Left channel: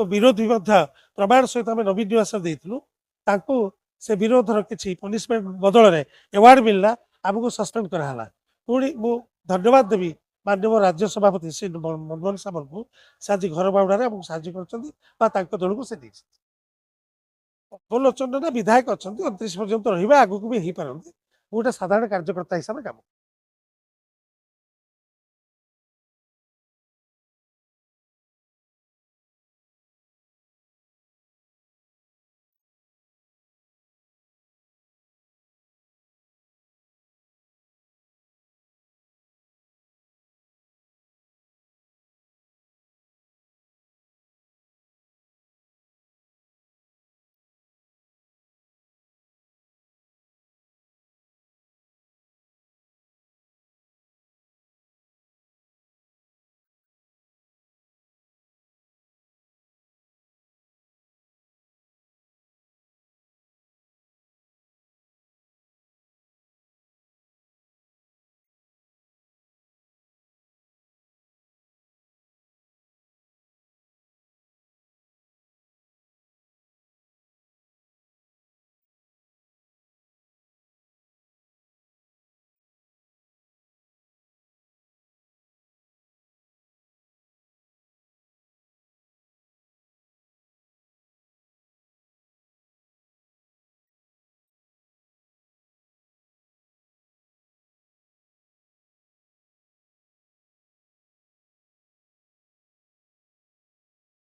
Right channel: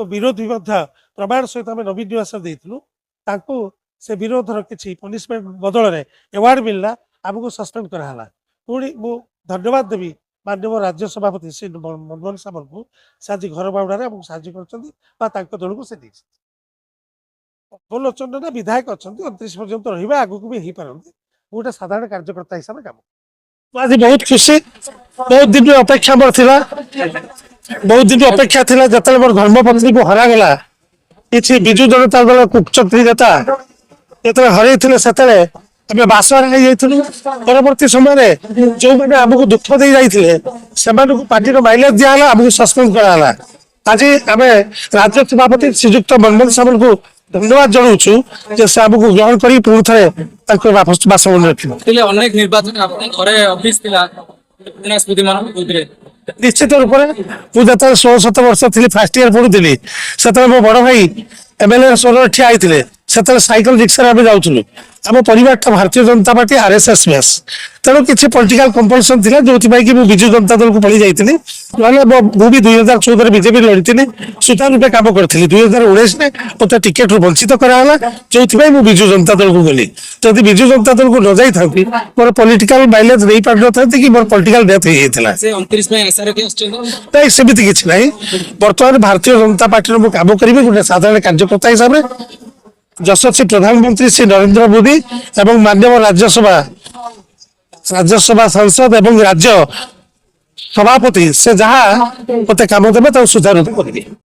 विरोधी प्रमाण सहित आम नवीन निवास देलु से विरोधर किसी पनिशमेंट बदल में एवार्ड मिलला आमको सस्पेंड कराला पुणी मु धन्यवाद देवी माननीय राज्य सभापति श्री मनमोहन सामल को से आज घर बाउंडारे साहय कर दल को से लोचन ना विधायक अच्छा 29 पर्यंत रहा आगू भी हो पारती गोटे साधारण कार्यकर्ता हिसाब से काम आज बहुत खुशी बहुत दिन अपेक्षा मोर थिला बहुत दिन अपेक्षा थिला जतले मोर धर्मपत्नी को हरागला किसी बिजु जनता दल कुचक्री नेता जो हर से बास परवर्ती समय जो मैंने आमको दुख दे जाते पार्टी माइलेज दिहला आमको सस्पेंड कराला आज आम राज्य सभापति श्रीजुक्त मनमोहन सामल को धन्यवाद जनाऊँ से आमको ग्रहण कर पुणी थे बासभवन रखिले अनेक निर्वाचन निश्चित रूप से मुझे 16-17 वर्ष थी फास्ट इयर पढ़ुली से मो बड़ भाई एमएलए स्वर ठिया होते से साइकिल रिक्शा जाऊँ आम परिवार Bharatiya Janata party RSS base तेणु किसी पॉलिटिकल कंपल्सन था जो कि विजु जनता दल को पड़ी जाती मुझे 2014 बीजेपी लड़ी सुचारू रूपे कम करी 2019 में मत टिकेट रू वंचित कराला जो विजु जनता दल को गली जब विजु जनता दल को न जाती मोर पॉलिटिकल माइलेज नहीं पार न था कि मोर पॉलिटिकल डेथ नहीं सेमती किसी ना बर्तमान भारतीय जनता पार्टी में कम करी गोटे साधारण कार्यकर्ता हिसाब से यशस्वी प्रधानमंत्री श्री नरेंद्र मोदी एवं माननीय राज्यसभा सांसद एवं राज्य सभापति से जहाँ मत कम देवे सुचारू करेंगे।